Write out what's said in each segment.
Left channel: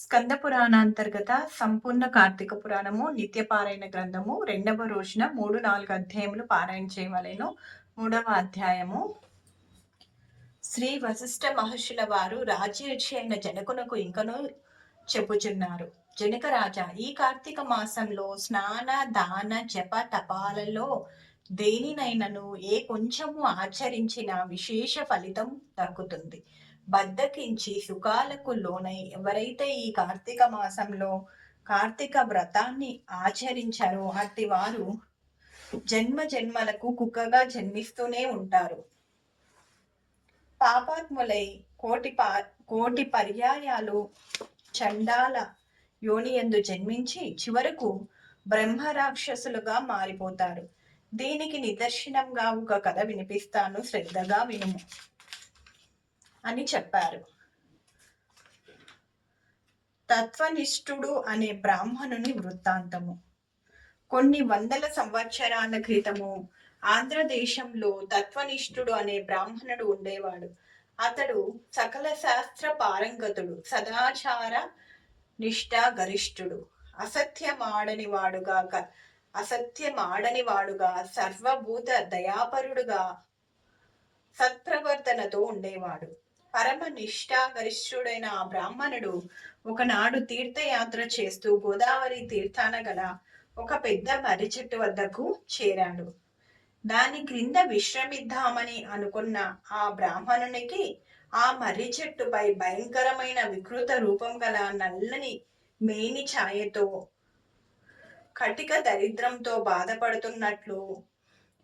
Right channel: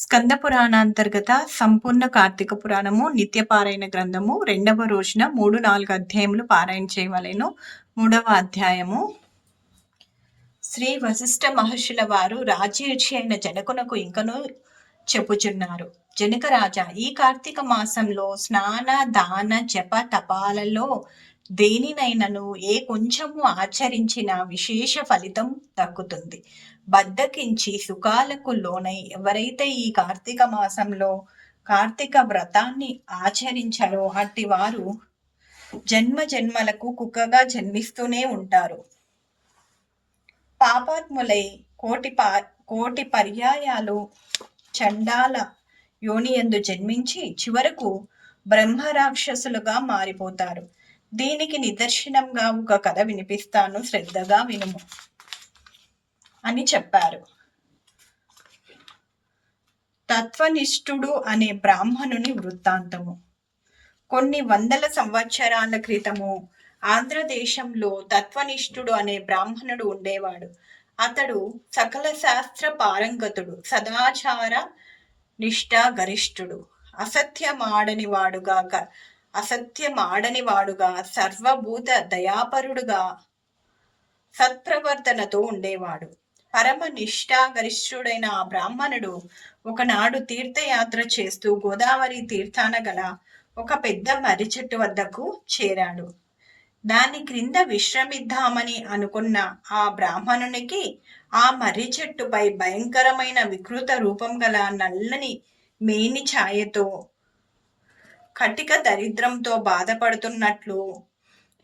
స్కంద పురాణాంతర్గత సంపూర్ణ కార్తీక పురాణము నిత్యపారాయణ గ్రంథము రెండవ రోజున మూడు నాలుగు అధ్యాయములు పారాయణ చేయవలెను. మూడవ అధ్యాయము. శ్రీ వశిష్ఠ మహర్షుల వారు రాజ్యరుచి అయిన జనకునకు ఇంకనూ చెప్పుచున్నారు. జనక రాజా ఈ కార్తీక మాసంలో స్నాన దాన జప తపాలలో దేనినైనను ఏ కొంచెము ఆచరించిన విశేష ఫలితం దక్కుతుంది. బద్దకించి సుఖాలకు లోనై ఎవరైతే ఈ కార్తీక మాసంలో కార్తీక వ్రతాన్ని ఆచరించారో అట్టి వారు జన్మ జన్మలకు కుక్కగా జన్మిస్తూనే ఉంటారు. పాపాత్ములై కోటి పా కోటి పర్యాయాలు చండాల యోనియందు జన్మించి చివరకు బ్రహ్మ రాక్షసులుగా మారిపోతారు. దీనికి నిదర్శనంగా ఒక కథ వినిపిస్తాను. శ్రద్ధగా వినుము. అని చెప్పారు. తత్వనిష్ఠుడు అనే బ్రాహ్మణుని వృత్తాంతము. కొన్ని వందల సంవత్సరాల క్రితము ఆంధ్రదేశంలో తత్వనిష్ఠుడు అనే బ్రాహ్మణుడు ఉండేవాడు. అతడు సకల శాస్త్ర పారంగతుడు సదాచార నిష్ఠ గరిష్ఠుడు. అసత్యమాడని వాడుగా అసత్యమాడని వాడుగా సర్వభూత దయాపరుడుగా సత్ప్రవర్తనతో ఉండేవాడు. పరమ నిష్ఠాగరిష్ఠుడైన ఆ బ్రాహ్మణుడు ఒకనాడు తీర్థయాత్ర చేస్తూ గోదావరి తీర్థాన గల ఒక పెద్ద మర్రి చెట్టు వద్దకు చేరాడు. దాని క్రింద విశ్రమిద్దామని అనుకున్న ఆ బ్రాహ్మణునికి ఆ మర్రి చెట్టుపై భయంకరమైన వికృత రూపం గల నల్లని మేని ఛాయతో కటిక దరిద్రంతో బాధపడుతున్నట్లు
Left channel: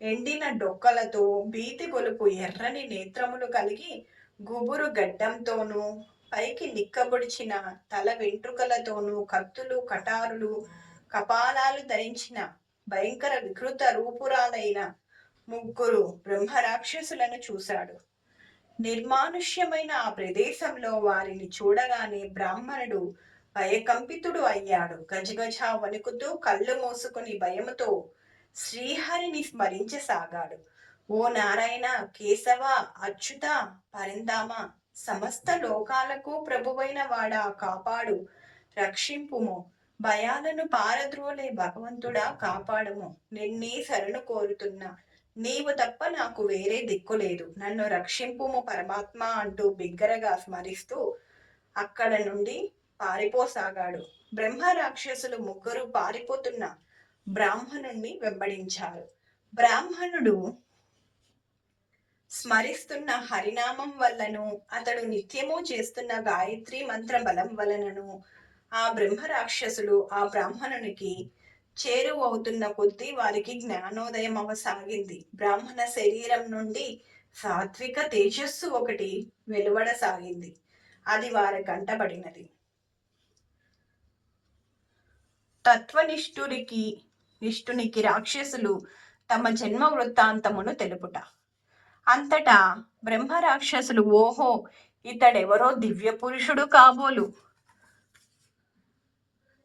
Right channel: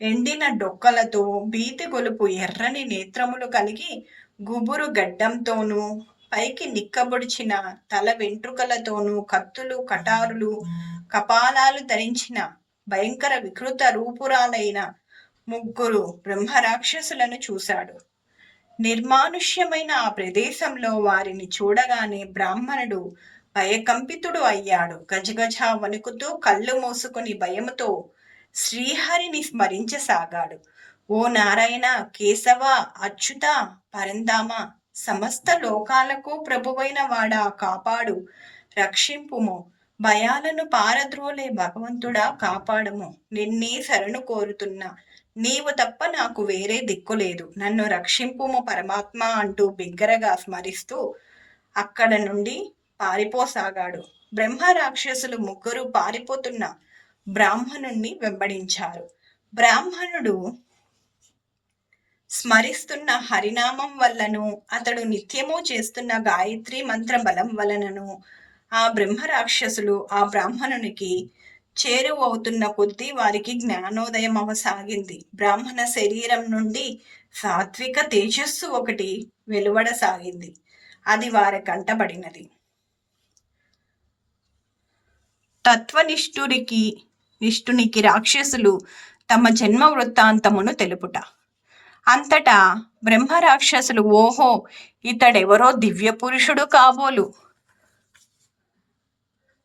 ఎండిన డొక్కలతో భీతి గొలుపు ఎర్రని నేత్రములు కలిగి గుబురు గడ్డంతోనూ పైకి నిక్కబొడిచిన తల వెంట్రుకలతోనూ కత్తులు కటారులు కపాలాలు ధరించిన భయంకర వికృత రూపురాలైన ముగ్గురు బ్రహ్మరాక్షసులను చూశాడు. నిర్మానుష్యమైన ఆ ప్రదేశంలో వారిని చూడగానే బ్రాహ్మణుడు భయకంపితుడు అయ్యాడు. గజగజ వణుకుతూ కళ్ళు మూసుకుని భయముతో శ్రీహరిని స్మరించసాగాడు. ఓ నారాయణ కేశవ అచ్యుత పరందామ సమస్త లోకాలకు ప్రభువైన వాడా కాపాడు రక్షింపుము. భయాలను పారద్రోలే భగవంతుడా కాపాడము. నిన్నే శరణు కోరుతున్నా. నీవు తప్ప నాకు వేరే దిక్కు లేదు. నన్ను రక్షింపుము పరమాత్మ అంటూ బిగ్గరగా స్మరిస్తూ అక్కడ నుండి పారిపోసాగాడు. బ్రహ్మ రాక్షసులు ముగ్గురు పారిపోతున్న బ్రాహ్మణుణ్ణి వెంబడించారు. బ్రాహ్మణుడు స్మరిస్తున్న హరినామం వల్లను అతడు నిత్యము చేస్తున్న గాయత్రి మంత్ర బలం వలనను ఆ బ్రహ్మ రాక్షసులు ఆ బ్రాహ్మణునికి చేరువవుతున్న కొద్దీ వారికి జ్ఞానోదయం అవసాగింది. బ్రాహ్మణ శరీరం నుండి సాత్విక తేజస్సు ఒకటి వెలువడసాగింది. అది వారి కంటబడినది. తత్వనిష్ఠుడికి నిష్ఠునికి రాక్షసులు తమ జన్మ వృత్తాంతమును తెలుపుట. అంతటా బ్రహ్మరాక్షసులు ఓహో ఇతడెవరో దివ్య పురుషుడు కాబోలు.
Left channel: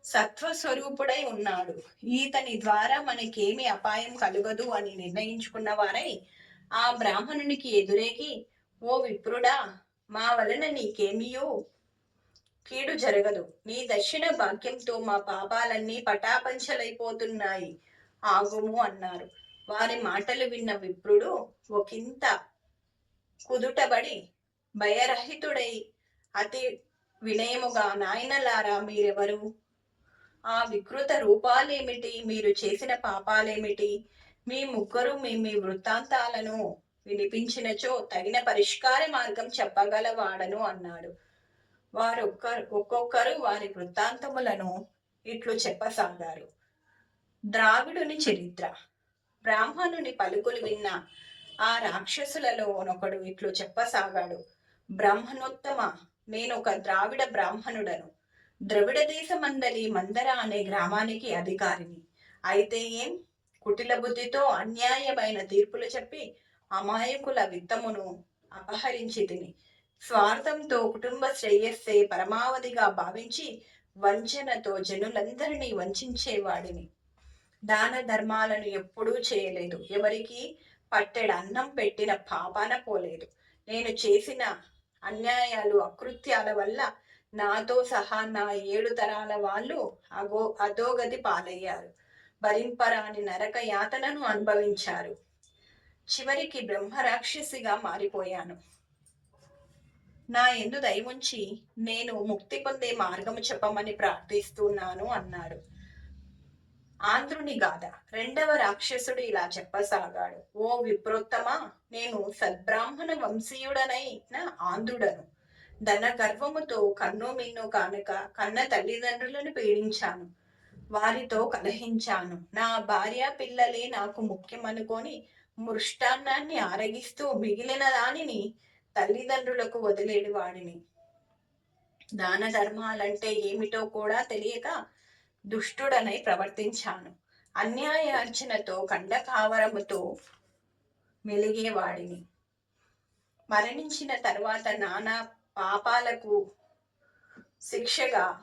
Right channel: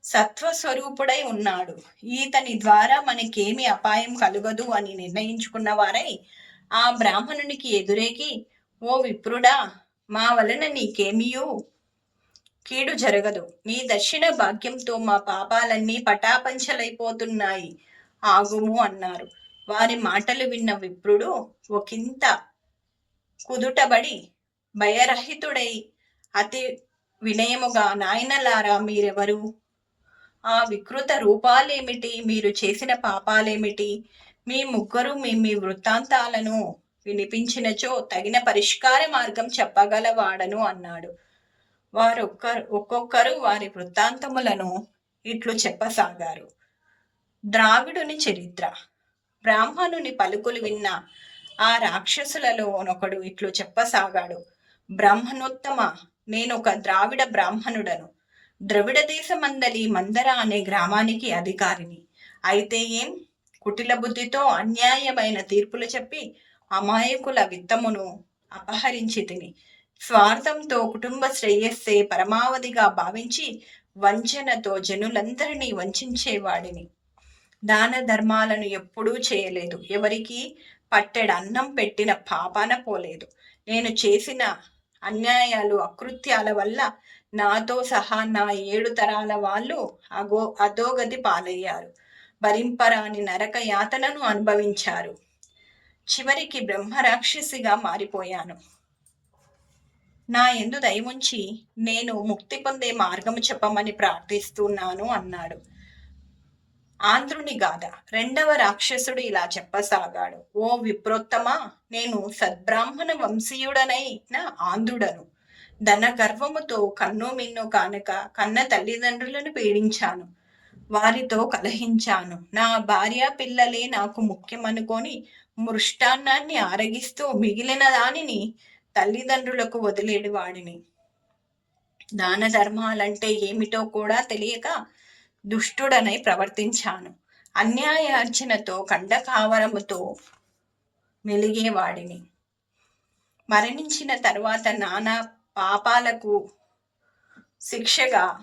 సత్వస్వరూపుడై ఉన్నాడు. ఈతని ద్వారా మనకేమి అపాయం కలుగదు అని నిర్ణయించుకున్న వారై ఆ బ్రాహ్మణునికి ఎదురేగి ఓ విప్రుడా మా వలన నీకేమియూ కీడు జరగదు. నీ దక్షిణ భాగ్యంతో మా పాపాలన్నీ పటాపంచలైపోతున్నాయి. ఆగుము అన్నారు. వారి మాటలు విన్న విప్రుడు ఒకంత కుదుటబడి భయరహితుడై అతి వినయముగా నాయనలారా మీరెవరు? ఆ వికృత రూపాలేమిటి? మీరు చేసిన పాపాలేమిటి? మీ ముగ్గురు మీ మీ వృత్తాంతాలను వినిపించినచో తగిన పరిష్కార మార్గం చెప్పగలవాడను అన్నాడు. వారొక్కరు ఒక్కొక్కరు వారి వృత్తాంతములను ఇట్లు చెప్పసాగారు. ద్రావిడుని చరిత్ర బ్రాహ్మణుని పలుకులు విన్న ఆ రాక్షసులలో ఒకడు ఇట్లు చెప్పసాగాడు. బ్రాహ్మణోత్తమ నేను ఒక ద్రావిడ బ్రాహ్మణుడను. ద్రవిడ దేశమందలి మందర అనే గ్రామానికి అధికారిని. అయితే ఏం? కుటిల బుద్ధితో అన్యాయమైన తీర్పులు చెప్పి అమాయకుల విత్తమును అపహరించి తిని స్వార్థంతో కుటుంబ శ్రేయస్సే పరమావధిగా భావించి వంచనతో జనులందరినీ వంచేవాడిని దాన ధర్మాలను ఎప్పుడూ చేయలేదు. ఎవరికి పట్టెడు అన్నం పెట్టిన పాపాన పోలేదు. నేను చేసిన అన్యాయాలు అకృత్యాల వల్ల నాతో సహా నా ఏడు తరాల వాళ్ళు అగో అధోగతి పాలయ్యారు. భరింపరాని నరక యాతనను అనుభవించారు. చివరికి బ్రహ్మరాక్షసిగా మారిపోయాను. నా ఎందు దయముంచి నేను ముక్తి పొందే మార్గము చెప్పమని ప్రార్థిస్తున్నాను అన్నాడు. ఆంధ్రుని గాథ. రెండవ రాక్షసుడు ఇలా చెప్పసాగాడు. ఓ విప్రోత్తమ నేను సద్బ్రాహ్మణ వంశీయుడనై నా ఆంధ్రుడను. ధన గర్వముతో కన్ను మిన్ను కానక కన్న తల్లిదండ్రులను పీడించాను. వారితో కలహించాను. నా భార్య పిల్లలే నాకు ముఖ్యమనుకొని మృష్టాన్నాన్ని ఆరగిస్తూ మిగిలిన దానిని తల్లిదండ్రులకు వదిలేడు వాడిని. దాన ధర్మాలంటే ఏమిటో కూడా తెలియక దుష్టుడనై ప్రవర్తించాను. అన్యాయార్చనతో కండకావరముతో మెలిగేవాడిని. మరణించిన తరువాత నానా పాపాలకు శిక్షగా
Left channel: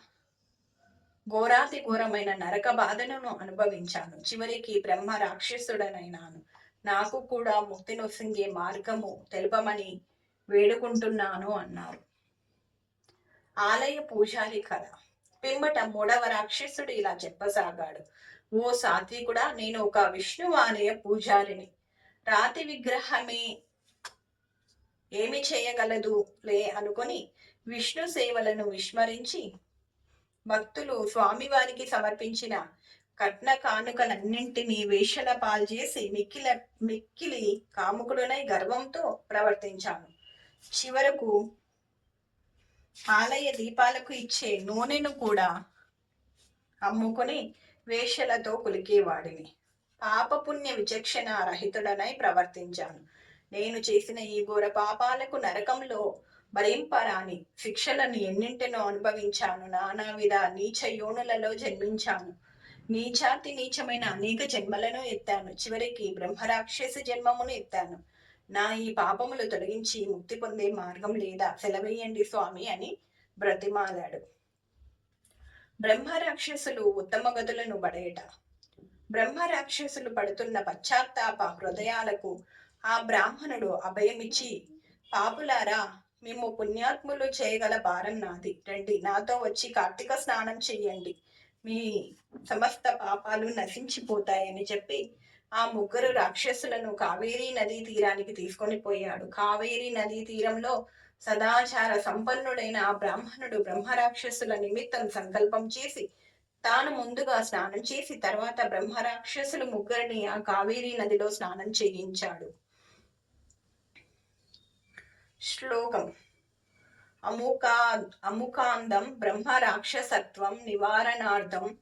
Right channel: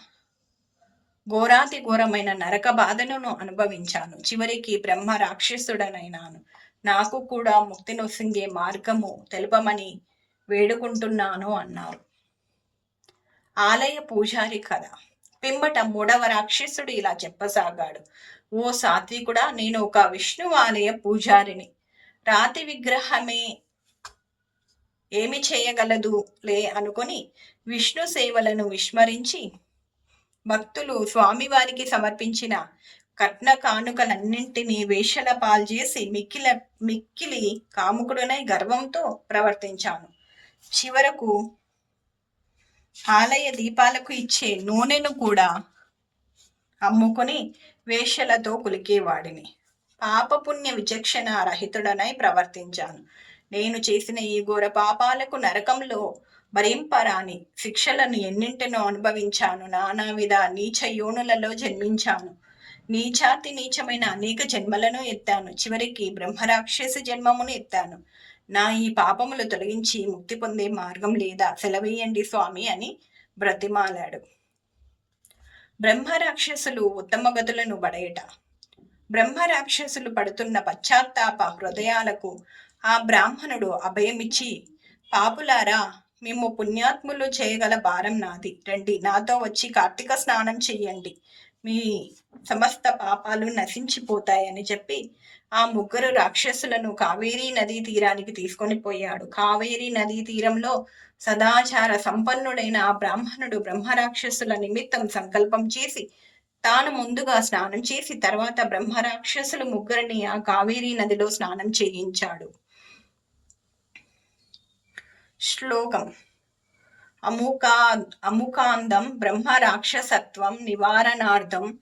ఘోరాతి ఘోరమైన నరక బాధలను అనుభవించాను. చివరికి బ్రహ్మ రాక్షసుడనైనాను. నాకు కూడా ముక్తి నొసింగే మార్గము తెలుపమని వేడుకుంటున్నాను అన్నారు. ఆలయ పూజారి కథ. పిమ్మట మూడవ రాక్షసుడు ఇలా చెప్పసాగాడు. ఓ సాత్వికుడా నేను ఒక విష్ణు ఆలయ పూజారిని. రాతి విగ్రహమే ఏమి చేయగలదు లే అనుకొని విష్ణు సేవలను విస్మరించి భక్తులు స్వామివారికి సమర్పించిన కట్న కానుకలన్నింటినీ వేషల పాల్చేసి మిక్కిల మిక్కిలి కాముకుడునై గర్వంతో ప్రవర్తించాను. చివరకు ఆలయ దీపాలకు ఇచ్చే నూనెను కూడా అమ్ముకొని వేషలతో కులికేవాడిని పాపపుణ్య విచక్షణ రహితుడనై ప్రవర్తించాను. నేను చేసిన ఈ ఘోర పాపాలకు నరకంలో భరింపరాని శిక్షలను ఎన్నింటినో అనుభవించాను. నానావిధ నీచ యోనులలో జన్మించాను. నీచాతి నీచమైన అనేక జన్మలను ఎత్తాను. చివరికి బ్రహ్మరాక్షస జన్మమును ఎత్తాను. నా ఈ పాపములు తొలగించి ముక్తి పొందే మార్గం లేదా సెలవేయండి స్వామి అని బ్రతిమాలాడు. బ్రహ్మరాక్షసులు ఉత్తమ గదులను పడేట. బ్రహ్మరాక్షసులు పడుతున్న పశ్చాత్తాప హృదయాలకు ఆ బ్రాహ్మణుడు అభయమిచ్చి పాపులారా మేము పుణ్యాత్ములు చేయగల భారం నాది. రండి నాతో వచ్చి కార్తీక స్నానం చెయ్యండి. మీ సమస్త పాపాలు నశించిపోతాయని చెప్పి ఆ ముగ్గురు రాక్షసులను కావేరీ నదీ తీరానికి తీసుకొని పోయాడు. కావేరీ నదీ తీరంలో సదాచార సంపన్నుడైన ఆ బ్రాహ్మణుడు బ్రహ్మరాక్షసుల నిమిత్తం సంకల్పం చేసి తాను ముందుగా స్నానం చేసి తర్వాత బ్రహ్మరాక్షసులు ముగ్గురిని ఆ కావేరీ నదిలో స్నానం చేయించాడు. శ్లోకం అముకా అముకాందం బ్రహ్మ రాక్షసత్వం నివారణార్థం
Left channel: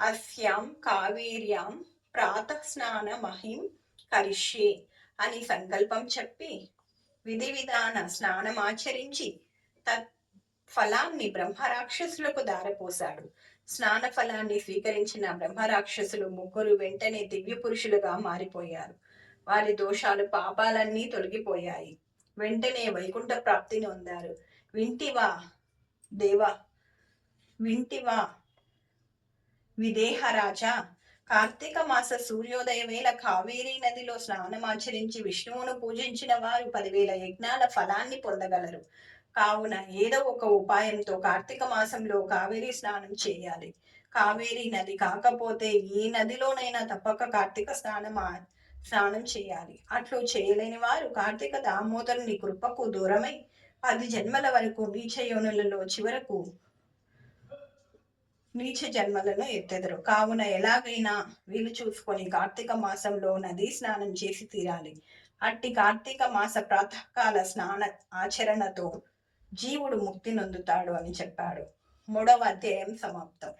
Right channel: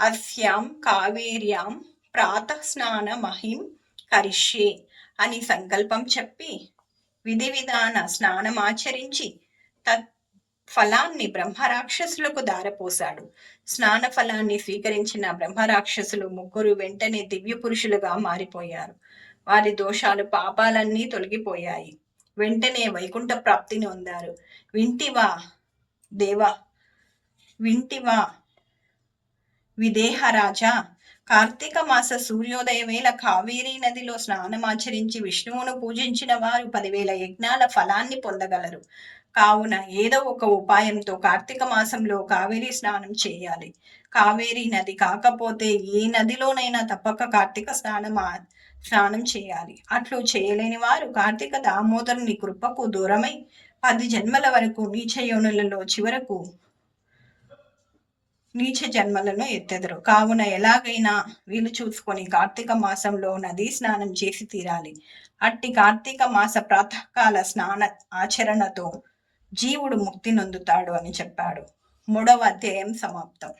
అస్యాం కావేర్యాం ప్రాతస్నాన మహిం కరిష్యే అని సంకల్పం చెప్పి విధి విధాన స్నానమాచరించి తత్ ఫలాన్ని బ్రహ్మరాక్షసులకు దారపోశాడు. స్నాన ఫలాన్ని స్వీకరించిన బ్రహ్మరాక్షసులు ముగ్గురు వెంటనే దివ్య పురుషులుగా మారిపోయారు. వారి దోషాలు పాపాలన్నీ తొలగిపోయాయి. వెంటనే వైకుంఠ ప్రాప్తిని పొందారు. వింటివా దేవా వింటివా విదేహరాజా కార్తీక మాస సూర్యోదయ వేళ కావేరీ నదిలో స్నానమాచరించి విష్ణువును పూజించిన వారు పదివేల యజ్ఞాల ఫలాన్ని పొందగలరు. కావున ఏదో ఒక ఉపాయంతో కార్తీక మాసంలో కావేరీ స్నానం చేయాలి. కావేరీ నది కాకపోతే ఏ నదిలోనైనా తప్పక కార్తీక స్నానం స్నానం చేయాలి. అట్లు చేయలేని వారు కార్తీక దామోదరుని కృపకు దూరమై పది జన్మల వరకు నీచ యోనులలో చివరకు నీచ జన్మలను ఎత్తెదరు. కావున ఎలాగైనా వీలు చూసుకొని కార్తీక మాసంలో నదీ స్నానం చేసి తీరాలి. అట్టి కార్తీక మాస ప్రాతకాల స్నాన ఆచరణతో జీవుడు ముక్తి నొందుతాడు అని చెప్పాడు. మూడవ అధ్యాయం సమాప్తం.